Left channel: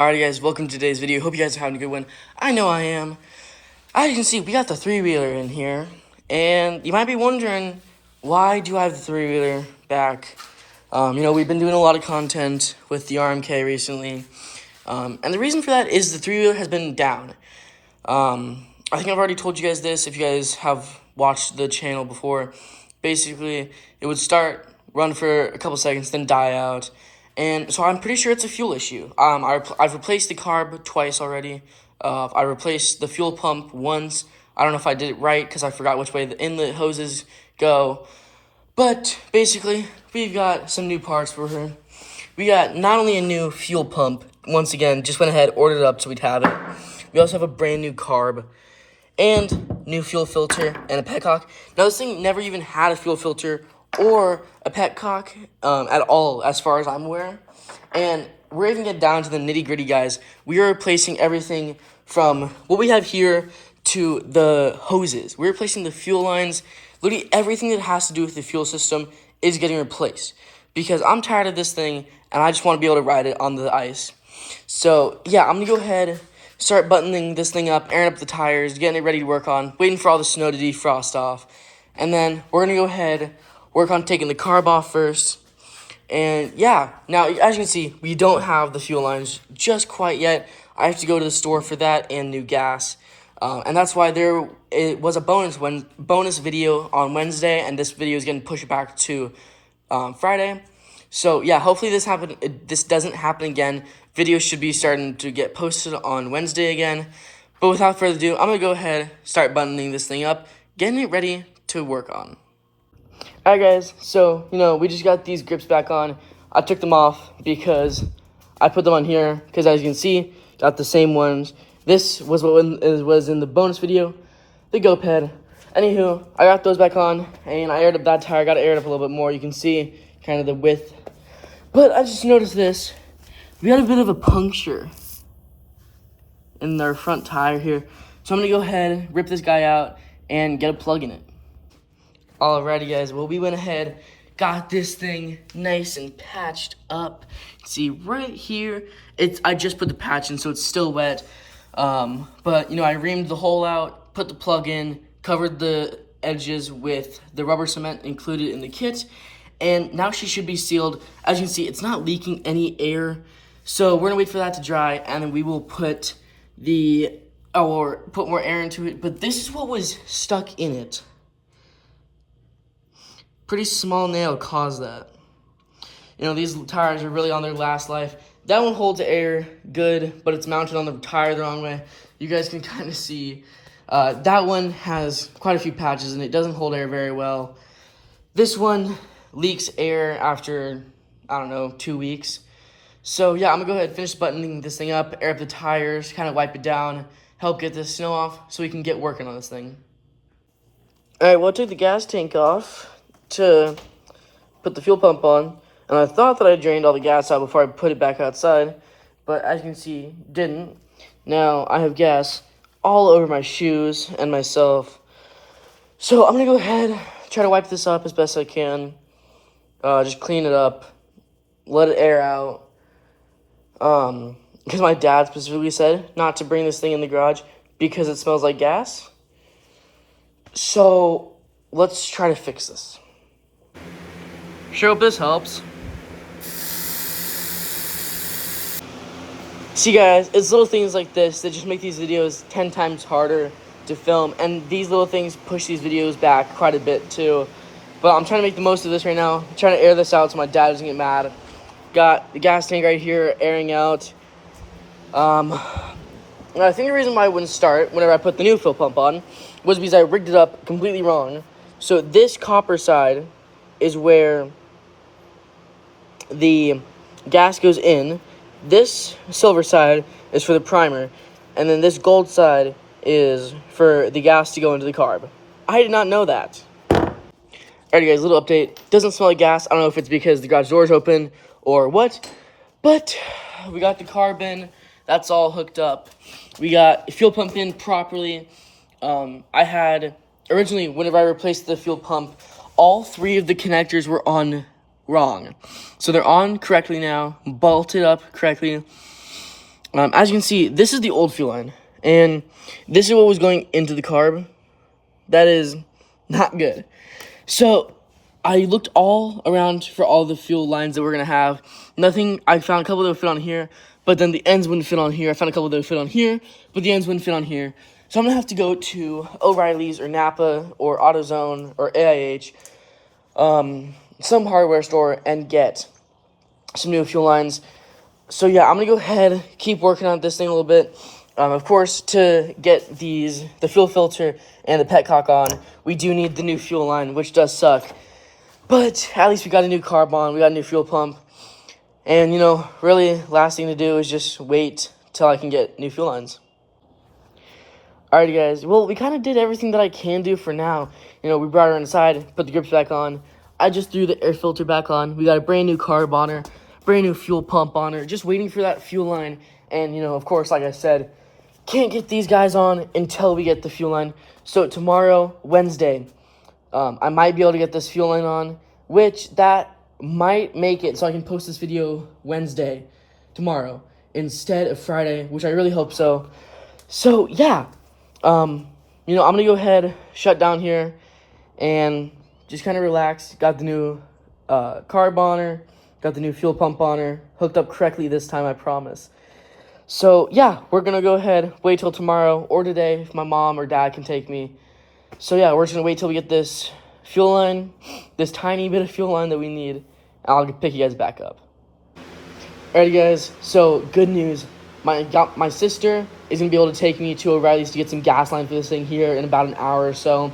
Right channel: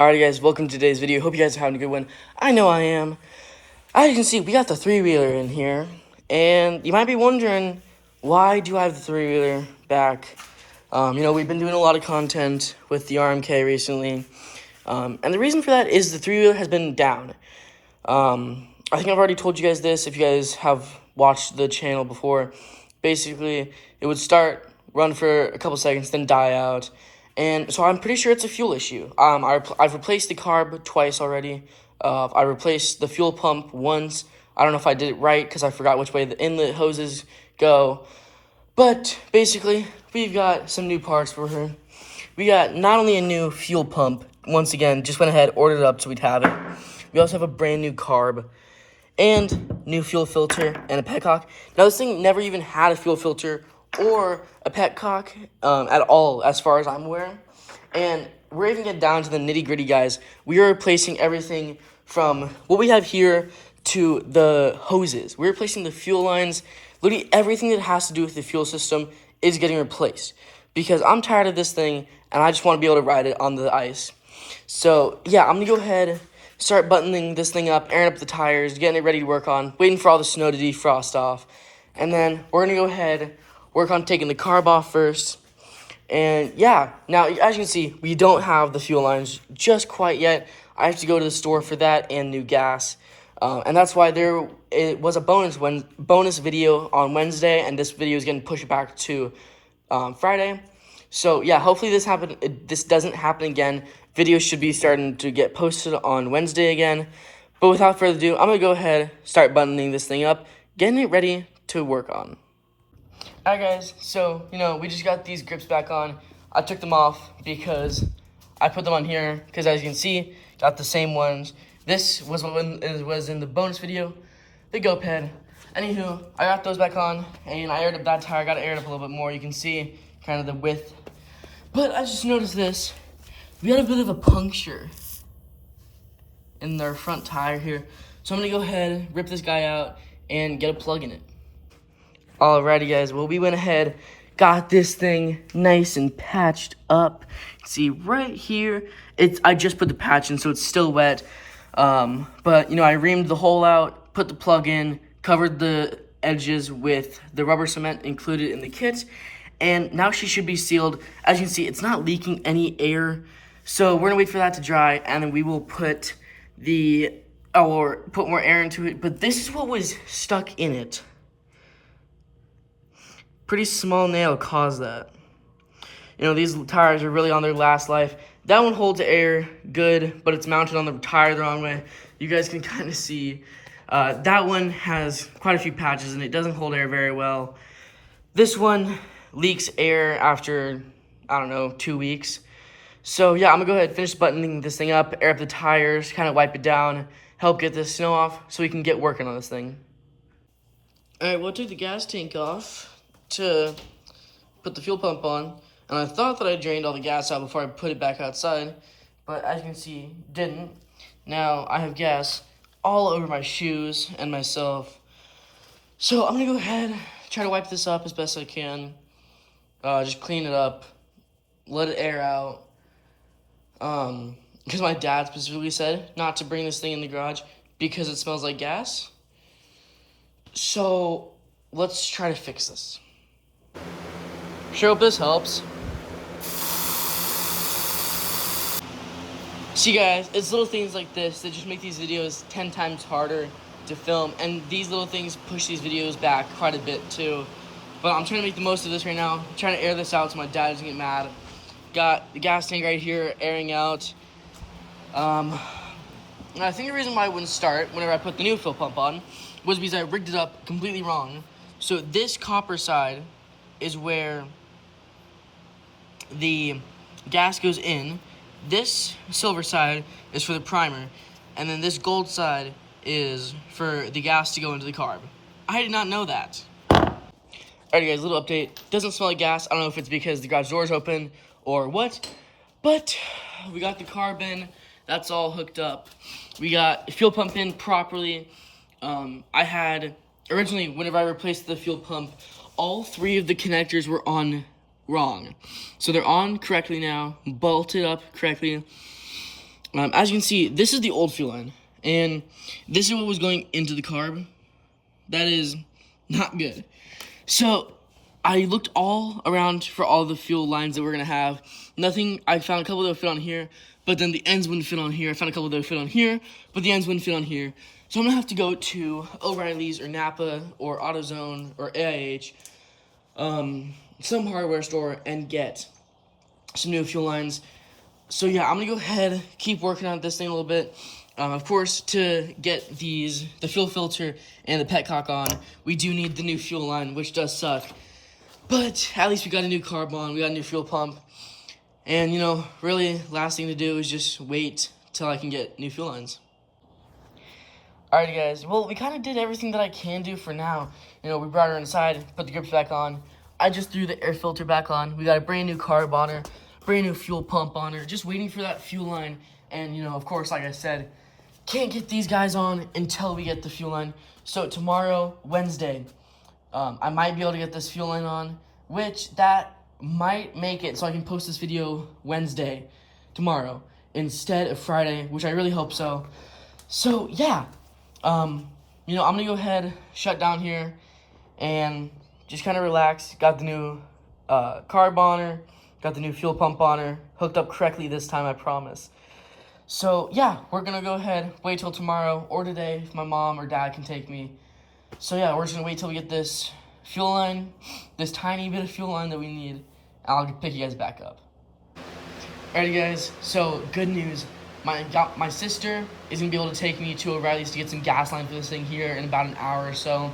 Alright guys, welcome to today's video. Hope you guys are having a good one. I know I am. As you can see, we got the three-wheeler in here. And you might be wondering, why do I have the three-wheeler back? We've been doing a lot of content with the RMK recently. And the reason for that is the three-wheeler has been down. I think I've already told you guys this if you guys have watched the channel before. Basically, it would start, run for a couple seconds, then die out. And so I'm pretty sure it's a fuel issue. I've replaced the carb twice already. I replaced the fuel pump once. I don't know if I did it right because I forgot which way the inlet hoses go. But basically, we've got some new parts for her. We got not only a new fuel pump, once again, just went ahead, ordered it up so we'd have it. We also have a brand new carb and new fuel filter and a petcock. Now, this thing never even had a fuel filter or a petcock at all, as far as I'm aware. And we're even getting down to the nitty-gritty, guys. We are replacing everything from what we have here to the hoses. We're replacing the fuel lines. Literally everything that has to do with the fuel system is getting replaced. Because I'm tired of this thing, and I just want to be able to ride it on the ice. So, yeah, I'm going to go ahead, start buttoning this thing up, airing up the tires, getting it ready to work on, waiting for all the snow to defrost off. And then we're going to go ahead, work on taking the carb off first. And yeah, now as you can see, we don't have the fuel lines just quite yet. I have to go to the store for that and new gas. And that's why it was a bonus video on Wednesday, and this video is getting pushed back to Friday. So yeah, hopefully this doesn't happen again. Videos should be starting to get posted on Wednesday again. But without further ado, I'm going to go ahead, start buttoning this thing up, getting it ready to work on. Alright guys, so, we just got these grips back on. I took them off because I put them on here, because as you can see, got the same ones. This was what was in the bonus video, the GOP head. Anywho, I got those back on, and I aired up that tire. I got to air it up a little bit more. You can see kind of the width. But I just noticed this. We got a bit of a puncture in our front tire here. So I'm going to go ahead, rip this guy out, and get a plug in it. Alrighty guys, well we went ahead, got this thing nice and patched up. See right here, I just put the patch in so it's still wet. But I reamed the hole out, put the plug in, covered the edges with the rubber cement included in the kit, and now she should be sealed. As you can see, it's not leaking any air. So we're gonna wait for that to dry, and then we will put put more air into it. But this is what was stuck in it. Pretty small nail caused that. These tires are really on their last life. That one holds air good, but it's mounted on the tire the wrong way. You guys can kind of see. That one has quite a few patches, and it doesn't hold air very well. This one leaks air after, 2 weeks. So, yeah, I'm going to go ahead and finish buttoning this thing up, air up the tires, kind of wipe it down, help get the snow off so we can get working on this thing. All right, well, I took the gas tank off to put the fuel pump on, and I thought that I drained all the gas out before I put it back outside, but as you can see, didn't. Now I have gas all over my shoes and myself, so I'm gonna go ahead, try to wipe this up as best I can, just clean it up, let it air out, because my dad specifically said not to bring this thing in the garage because it smells like gas. So let's try to fix this. Sure hope this helps. See guys, it's little things like this that just make these videos 10 times harder to film, and these little things push these videos back quite a bit too. But I'm trying to make the most of this right now. I'm trying to air this out so my dad doesn't get mad. Got the gas tank right here airing out. And I think the reason why it wouldn't start whenever I put the new fuel pump on was because I rigged it up completely wrong. So this copper side is where the gas goes in. This silver side is for the primer, and then this gold side is for the gas to go into the carb. I did not know that. Alright guys, little update. Doesn't smell like gas. I don't know if it's because the garage door's open or what, but we got the carb in. That's all hooked up. We got the fuel pump in properly. I had, originally, whenever I replaced the fuel pump, all three of the connectors were on wrong. So they're on correctly now, bolted up correctly. As you can see, this is the old fuel line, and this is what was going into the carb. That is not good. So I looked all around for all the fuel lines that we're gonna have. Nothing. I found a couple that would fit on here, but then the ends wouldn't fit on here. I found a couple that would fit on here, but the ends wouldn't fit on here. So I'm gonna have to go to O'Reilly's or Napa or AutoZone or AIH, some hardware store, and get some new fuel lines. So yeah, I'm gonna go ahead, keep working on this thing a little bit. Of course, to get the fuel filter and the petcock on, we do need the new fuel line, which does suck. But at least we got a new carb on, we got a new fuel pump. And, really, last thing to do is just wait till I can get new fuel lines. Alrighty, guys. Well, we kind of did everything that I can do for now. We brought her inside, put the grips back on. I just threw the air filter back on. We got a brand new carb on her, brand new fuel pump on her. Just waiting for that fuel line. And, of course, like I said, can't get these guys on until we get the fuel line. So tomorrow, Wednesday, I might be able to get this fuel line on, which that might make it so I can post this video Wednesday, tomorrow, instead of Friday, which I really hope so. So, yeah. I'm going to go ahead, shut down here, and just kind of relax. Got the new carb on her, got the new fuel pump on her, hooked up correctly this time, I promise. So, yeah, we're going to go ahead, wait till tomorrow or today if my mom or dad can take me. So, yeah, we're just going to wait till we get this fuel line, this tiny bit of fuel line that we need, and I'll pick you guys back up. Alrighty, guys, so good news. My sister is going to be able to take me to O'Reilly's to get some gas line for this thing here in about an hour or so.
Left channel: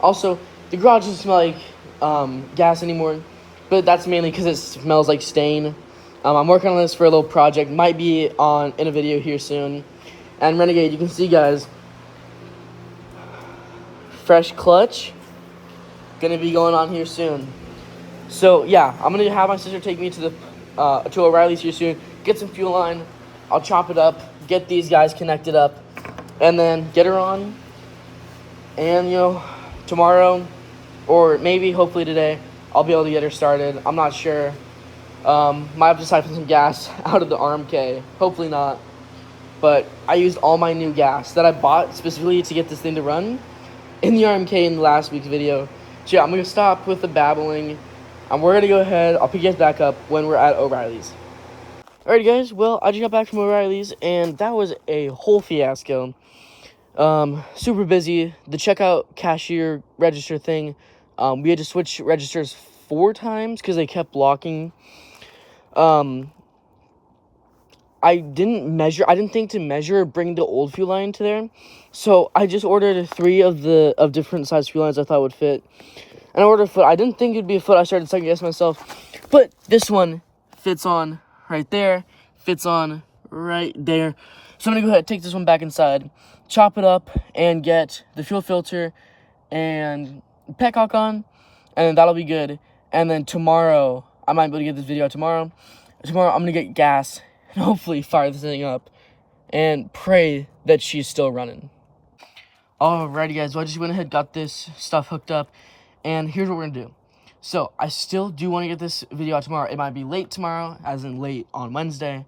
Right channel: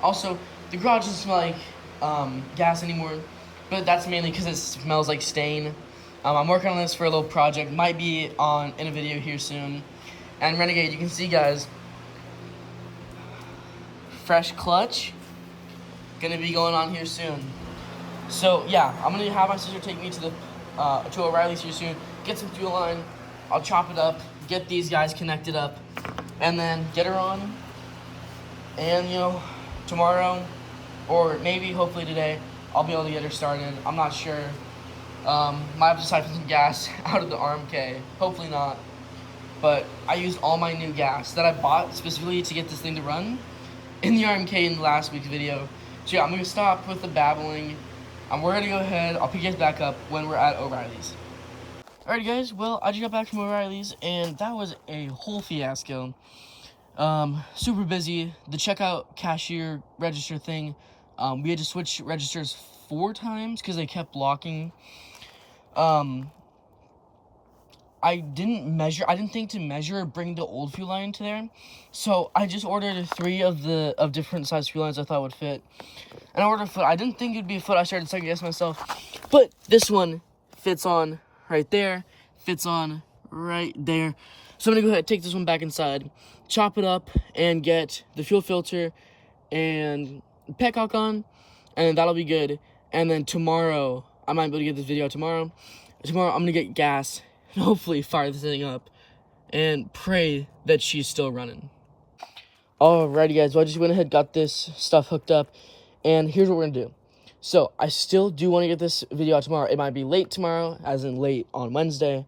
Also, the garage doesn't smell like gas anymore, but that's mainly because it smells like stain. I'm working on this for a little project. Might be in a video here soon. And Renegade, you can see, guys, fresh clutch. Gonna be going on here soon. So, yeah, I'm going to have my sister take me to O'Reilly's here soon, get some fuel line. I'll chop it up, get these guys connected up, and then get her on. And, tomorrow, or maybe, hopefully today, I'll be able to get her started. I'm not sure. Might have to siphon some gas out of the RMK. Hopefully not. But I used all my new gas that I bought specifically to get this thing to run in the RMK in the last week's video. So, yeah, I'm going to stop with the babbling. We're going to go ahead. I'll pick you guys back up when we're at O'Reilly's. Alright, guys, well, I just got back from O'Reilly's, and that was a whole fiasco. Super busy. The checkout cashier register thing, we had to switch registers 4 times because they kept blocking. I didn't think to measure or bring the old fuel line to there, so I just ordered 3 of different size fuel lines I thought would fit. And I ordered a foot. I didn't think it'd be a foot. I started second guessing myself, but this one fits on right there, fits on right there. So I'm gonna go ahead and take this one back inside, chop it up, and get the fuel filter and petcock on, and that'll be good. And then tomorrow, I might be able to get this video out tomorrow. Tomorrow, I'm gonna get gas and hopefully fire this thing up and pray that she's still running. Alrighty, guys, well, I just went ahead, got this stuff hooked up, and here's what we're gonna do. So, I still do want to get this video out tomorrow. It might be late tomorrow, as in late on Wednesday.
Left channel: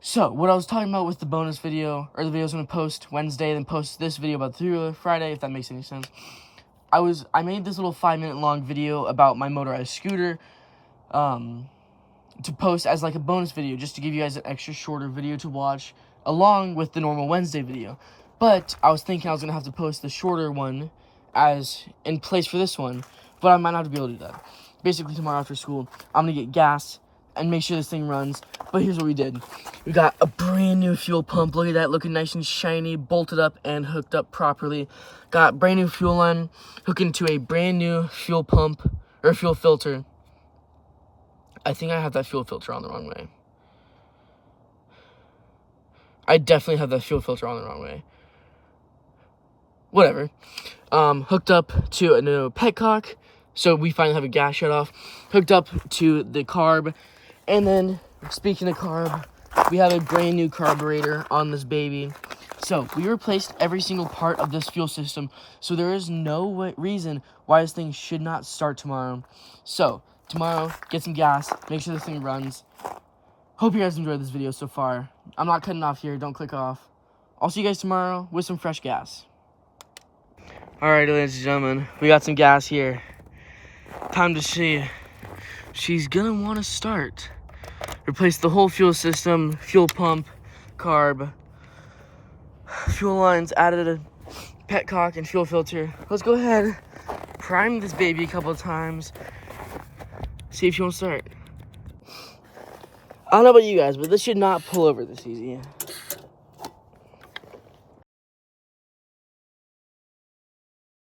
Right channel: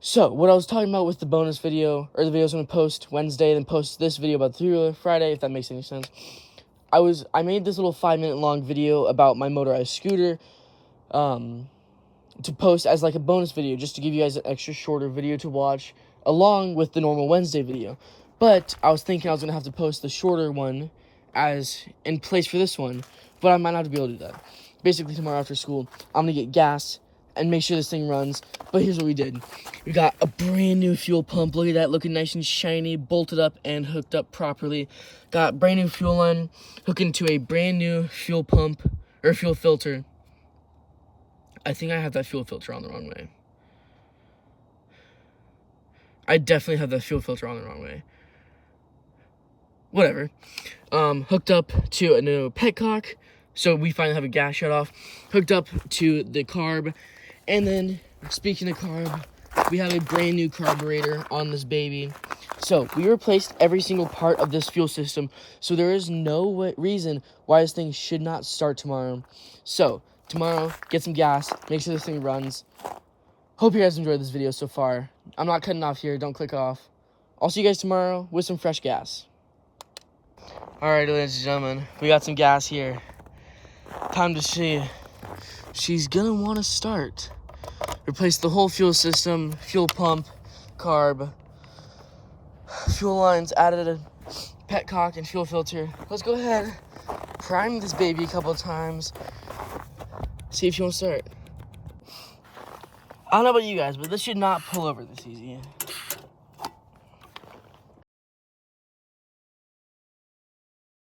So, what I was talking about with the bonus video, or the video I was going to post Wednesday, then post this video about the 3-wheeler Friday, if that makes any sense. I made this little 5-minute long video about my motorized scooter, to post as like a bonus video, just to give you guys an extra shorter video to watch, along with the normal Wednesday video. But, I was thinking I was going to have to post the shorter one as in place for this one. But I might not be able to do that. Basically, tomorrow after school, I'm going to get gas and make sure this thing runs. But here's what we did. We got a brand new fuel pump. Look at that, looking nice and shiny, bolted up and hooked up properly. Got brand new fuel line, hooked into a brand new fuel pump, or fuel filter. I think I have that fuel filter on the wrong way. I definitely have that fuel filter on the wrong way. Whatever. Hooked up to a new petcock. So we finally have a gas shut off, hooked up to the carb, and then, speaking of carb, we have a brand new carburetor on this baby. So we replaced every single part of this fuel system, so there is no reason why this thing should not start tomorrow. So, tomorrow, get some gas, make sure this thing runs. Hope you guys enjoyed this video so far. I'm not cutting off here. Don't click off. I'll see you guys tomorrow with some fresh gas. Alright, ladies and gentlemen, we got some gas here. Time to see. She's gonna want to start. Replace the whole fuel system, fuel pump, carb, fuel lines, added a petcock and fuel filter. Let's go ahead, prime this baby a couple of times, see if she won't start. I don't know about you guys, but this should not pull over this easy.